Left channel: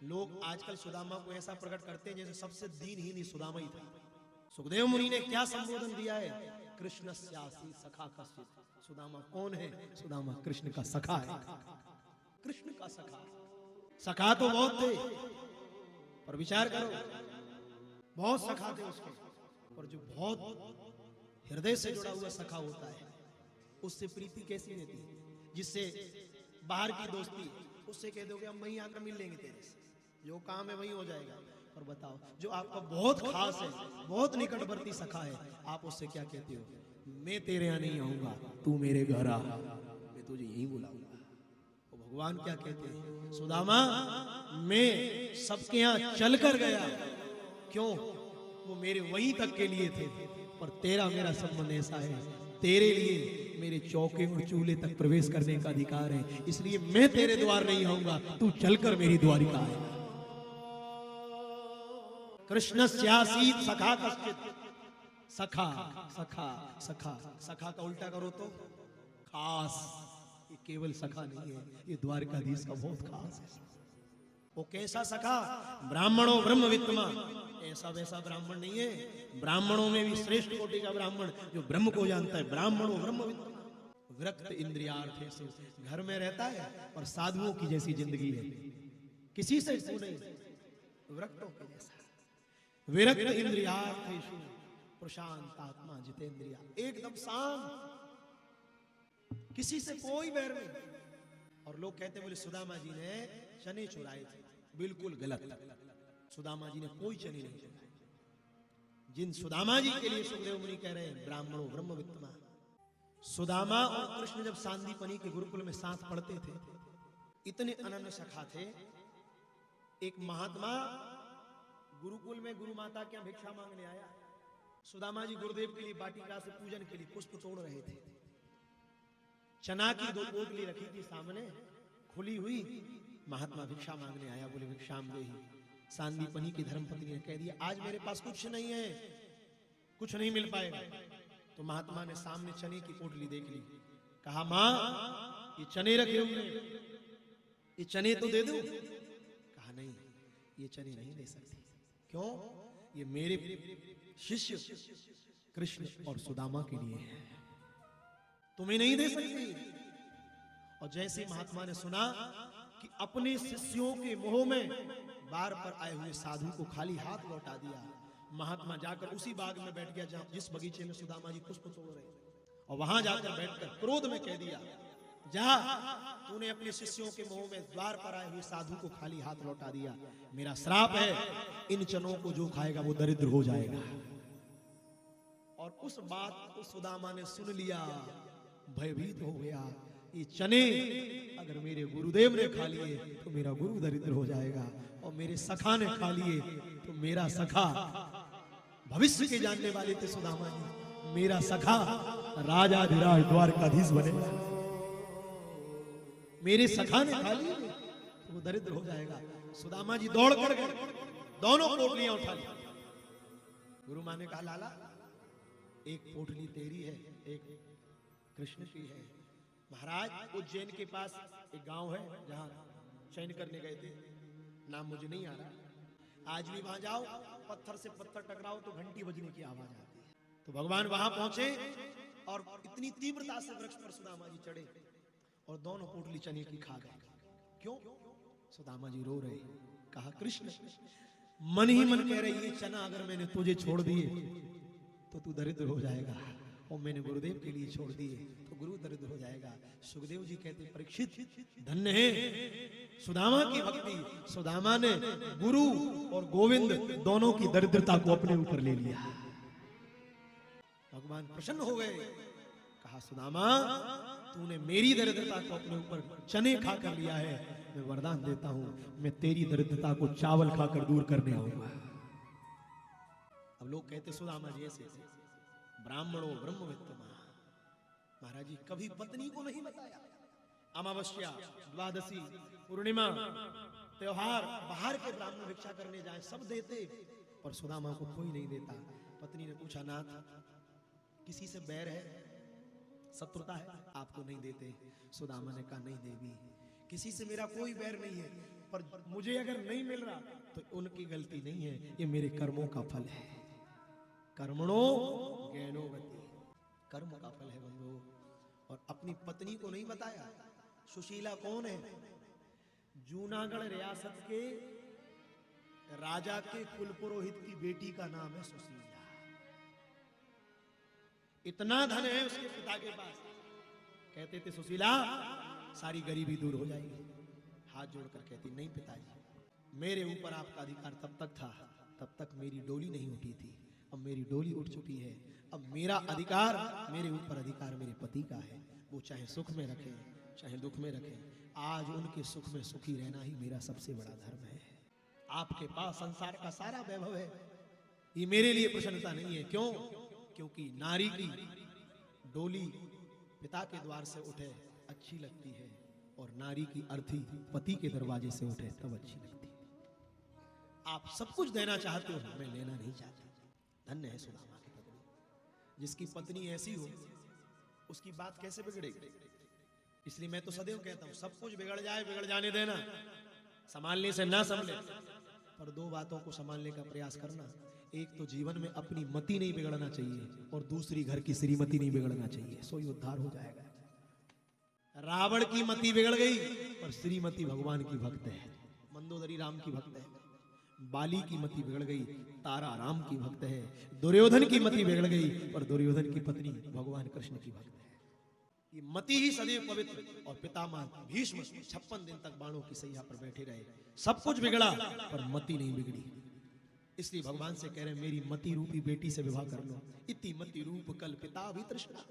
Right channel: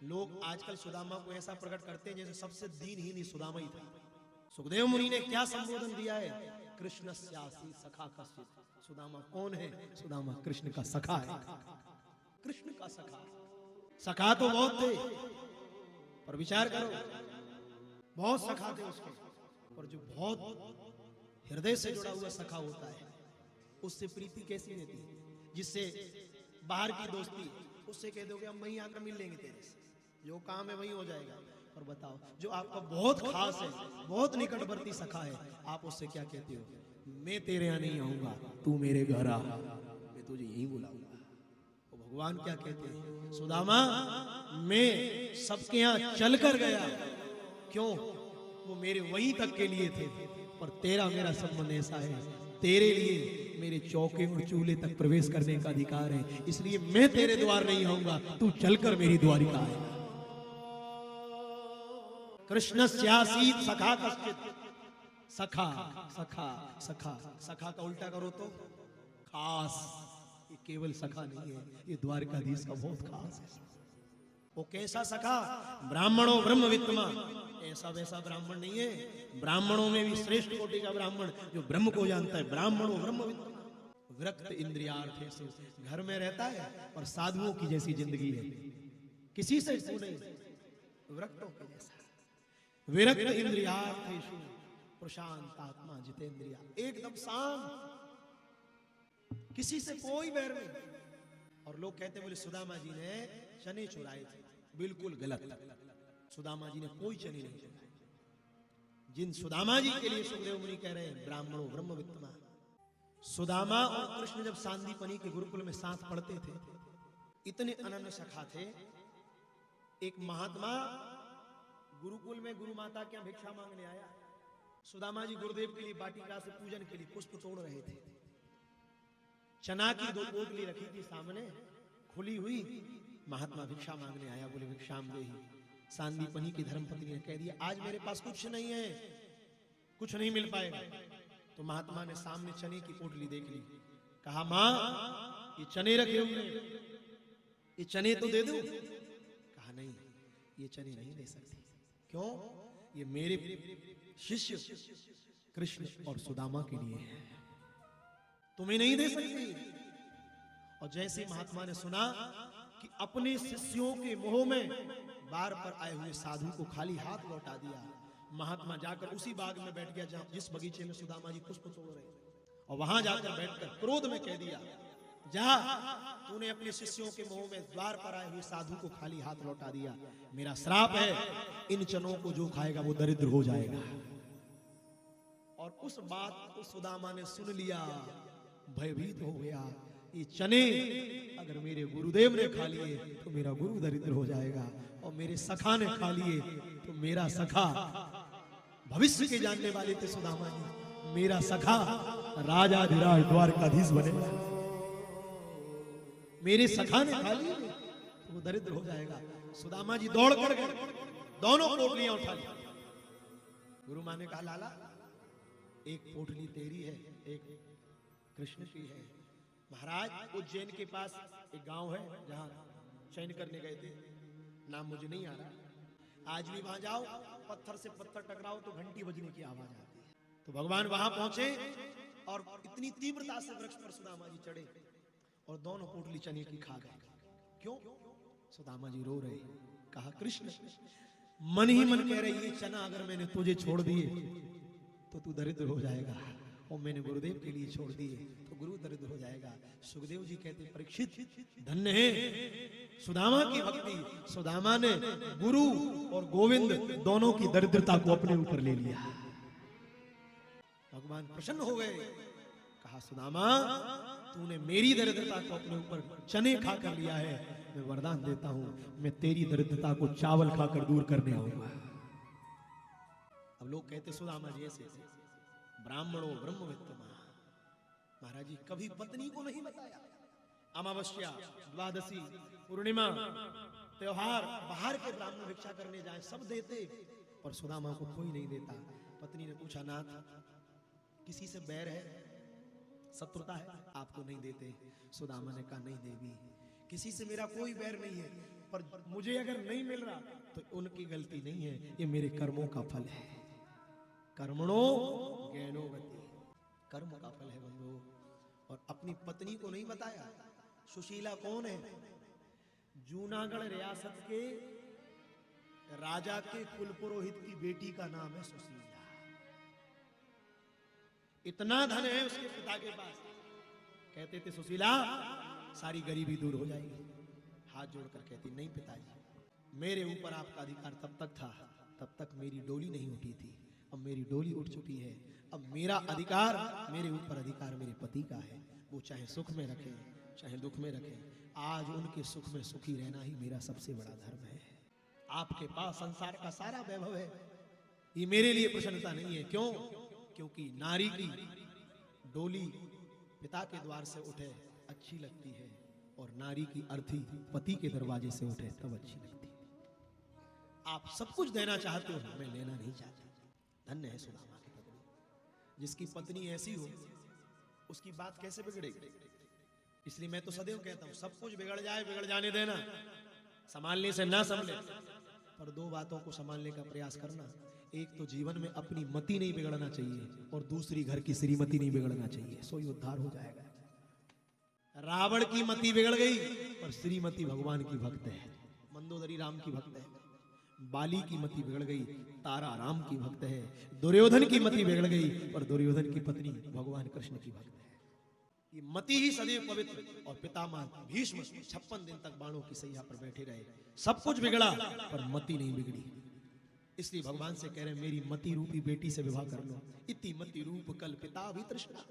लोग आजकल सुदामा को ऐसा प्रकट करते हैं जैसे सबसे दीनहीन ही सुदामा ही था। सुखदेव मुनि ने क्या संबोधन दिया है? कृष्ण स्यासी सखा कश्चित्। सुदामा कौन है? सुदामा कृष्ण का सखा है। कृष्ण का सखा। सखा तो बहुत थे, पर विचार करो, बहुत सखा थे उसके, पर जो बहुत हृदय से जुड़ा हुआ सखा होता है उससे प्रीति कैसी रहती है? जिससे बाहर की दोस्ती, उससे कह दोगे हम वहीं आकर मिल लेंगे तेरे से, जो काम है वहीं हो जाएगा। और बताओ, जो आपका बहुत खास है, बहुत निकटवर्ती सखा है, आप उससे क्या कहते हो? मैं तेरे यहाँ नहीं आऊंगा, तू मेरे घर आ, मैं तुझे यही बुलाऊंगा। तो भगवान क्या कहते हैं? सुदामा, मैं सबके यहाँ चलकर गया, क्यों? वो मेरे वहीं तक के लिए थे, पर तेरा मेरा संबंध ऐसा है, तेरे लिए मेरे चौके और चूल्हे तक प्रवेश करने का अधिकार है, इसलिए मैं तेरे द्वार नहीं आऊंगा, तू चलकर मेरी द्वारिका है। कृष्ण स्यासीत सखा कश्चित्। सखा सखा सखा, सखा का उल्टा करो तो खास। ये केवल सखा नहीं है, ये द्वारकाधीश का बहुत खास है। वो कैसा सखा? ब्राह्मणों ब्रह्म वित्तमा। ऐसा वैसा ब्राह्मण नहीं है, ब्राह्मणों में भी श्रेष्ठ कोटि का ब्राह्मण जो ब्रह्म को जानता है। ब्राह्मणों ब्रह्म वित्तमा। विरक्त इंद्रियार्थेषु, घर में रहता है पर साधुओं की जैसी जिंदगी है, किसी से नहीं, विरक्तों के जैसा। विरक्त इंद्रियार्थेषु प्रशांत आत्मा जितेंद्रिया, एकदम शांत, किसी से कोई बैर नहीं। और लोग कहते बोले सुदामा जी ने चने चुराए थे, बिल्कुल गलत। सुदामा जी ने कोई चने नहीं चुराए। जिन सुदामा जी के लिए सुखदेव मुनि कह रहे हैं ब्राह्मणों ब्रह्म वित्तमा। सुदामा और कृष्ण जब सांदीपनी के गुरुकुल में साथ पढ़ते थे, इतने अनन्य सखा थे। एक महात्मा गुरुकुल में गुरु माता के यहाँ भिक्षा मांगने आया। सुदामा जी गुरुदेव के लिए वाटिका से पूजन के लिए पुष्प तोड़ रहे थे। चना की 2 पोटली रखी थी सामने, खुली हुई। महात्मा भिक्षा मांगने आया, बोले भिक्षाम देहि। सांदीपनी की धर्मपत्नी ने कह दिया आज मेरे पास कुछ नहीं है, कुछ नहीं मिल पाएगा। तो महात्मा ने सामने चने की पोटली देख ली, कहा मां ये चने रखे हुए, ये चने तो दे दो। कहा नहीं, ये चने नहीं दे सकते। क्यों? ये मेरे शिष्य कृष्ण और सुदामा के लिए है, तुम्हें नहीं दे सकती। और जैसे महात्मा ने सुना कि अपने शिष्यों के मोह में बार पर आए हुए साधु को खाली हाथ लौटा दिया, महात्मा जाकर उसी बाग में बैठ गया जहां जिस बगीचे में सुदामा जी पुष्प तोड़ रहे, और वहां जाकर बैठकर क्रोध में कह दिया जा, तूने अपने शिष्यों के मोह में द्वार पर आए हुए साधु को खाली हाथ लौटा दिया। मेरा श्राप है, इन चनों को जो खाएगा वो दरिद्र हो जाएगा। और उस बात को सुदामा ने सुन लिया, भयभीत हो गया। ये चने अगर मेरे गुरुदेव ने खा लिए तो मेरा गुरु दरिद्र हो जाएगा, और मेरे सखा ने खा लिए तो मेरा सखा, भविष्य के जानने वाले थे सुदामा जी, मेरा सखा राजाधिराज द्वारकाधीश बनेगा। मेरे सखा ने खा लिए तो वो दरिद्र हो जाएगा। सुदामा जी दौड़ कर गए, दोनों पोटलियां उठा ली। गुरु मां ने कहा लाला, एक पोटली तेरी है, एक कृष्ण की है। महाराज उज्जैन के पास एक गांव है जहां शयन करने गए थे, नाम मुझे नहीं आ रहा। आज भी वहां जाओ, पत्थर से पत्थर टकराओ तो घंटी बजने की आवाज आती है। तो भगवान वहां पहुंचे और इतनी तीव्रता से वृक्ष पर सुदामा जी चढ़े और दोनों पोटली चने की खा गए। क्यों? सुदामा जी रो रहे। कहा कृष्ण मन ही मन कह रही है चना अगर मैंने तुझे छोड़ दिए तो तू दरिद्र हो जाएगा, और मैंने गुरुदेव के लिए छोड़ दिए तो गुरु दरिद्र हो जाएगा। सुखदेव जी कहते परीक्षित धन्य है सुदामा की भक्ति। सुदामा ने गुरु और गोविंद दोनों की दरिद्रता को अपने ऊपर ले लिया। भगवान प्रसन्न हो गए। कहा सुदामा तूने मेरी दरिद्रता को अपने ऊपर चने खाकर लिया है, मैं वरदान देता हूं मैं तेरी दरिद्रता को चावल खाकर दूर करने आऊंगा। अब लोग कहते सुदामा जी ऐसे ब्राह्मणों ब्रह्म वित्तमा। महाराज जी कभी पत्नी को नहीं बताया। अमावस्या, द्वादशी, पूर्णिमा, त्योहार, बाहर के ब्राह्मण भिक्षा करने जाए सब देते, पर सुदामा को कोई नहीं देता। पत्नी ने पूछा नाथ किसी से बैर है, शत्रुता है, आपको नहीं देते? सुदामा ने कहा नहीं देवी, किसी से मेरा कोई बैर नहीं है, पर मुझे अगर नहीं मिल रहा तो उनकी गलती नहीं है, ये मेरे कर्मों का फल है। कर्मणो ज्ञानो गति, कर्म का फल है बंधु। और अपनी पत्नी को नहीं बताया। सुशीला कौन है? जूनागढ़ रियासत के राजा के कुल पुरोहित की बेटी का नाम है सुशीला। इतना धन है उसके पिता के पास। कहते थे सुशीला सारी गरीबी दूर हो जाएगी। हाथ जोड़कर कहती नहीं पिताजी, मेरे ऊपर आपका अधिकार तब तक था, तब तक मेरी डोली नहीं उठी थी। अब मेरी डोली उठ चुकी है। अब मेरा अधिकार, मेरे ऊपर अधिकार मेरे पति का है। वो चाहे सुख में रखे चाहे दुख में रखे, आज उनके सुख में सुखी रहना ही मेरा सबसे बड़ा धर्म है। आपके पास संसार का सारा वैभव है, ये मेरे लिए प्रसन्नता नहीं है। क्यों? क्योंकि नारी की डोली पिता के द्वार से उठे अच्छी लगती है, और नारी की अर्थी पति के दरवाजे से उठे तब अच्छी लगती है। आप सब कुछ देना चाहते हैं, मैं लेना नहीं चाहता। धन्य है सुदामा की पत्नी। जिसकी पत्नी ऐसी हो उसकी बात कैसे बिगड़ेगी? इसलिए मैं तो सदैव कहता हूं, सब कुछ बिगड़ जाए बिगड़ जाने देना, संभालने से ना संभले, पर दो बातों को संभालने का प्रयास करना। एक तो जीवन में अपनी मति नहीं बिगड़ना चाहिए, और दूसरी घर की श्रीमती नहीं बिगड़ना चाहिए, सो ही उद्धार हो जाएगा। रावण की मति बिगड़ गई पर श्रीमती भगवान की भक्त है, मंदोदरी राम की भक्त है। बाली की मति बिगड़ गई, तारा राम की भक्त है। दुर्योधन की मति बिगड़ गई पर दुर्योधन की पत्नी भगवान कृष्ण की भक्त है। ये मति ही सदैव पवित्र। और पितामह भीष्म 56 दिन तक बाणों की सैया पर बैठे रहे। सब कुछ बिगड़ा पर मति नहीं बिगड़ी। इसलिए भगवान से कह रहे मेरी मति रूपी बेटी से विवाह कर लो। इति मति रूप कल्पिता भी तृष्णा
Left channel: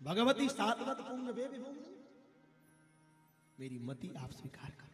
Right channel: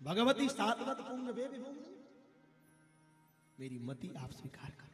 भगवती सातवत पुण्य वेद होगी। मेरी मति आप स्वीकार करो।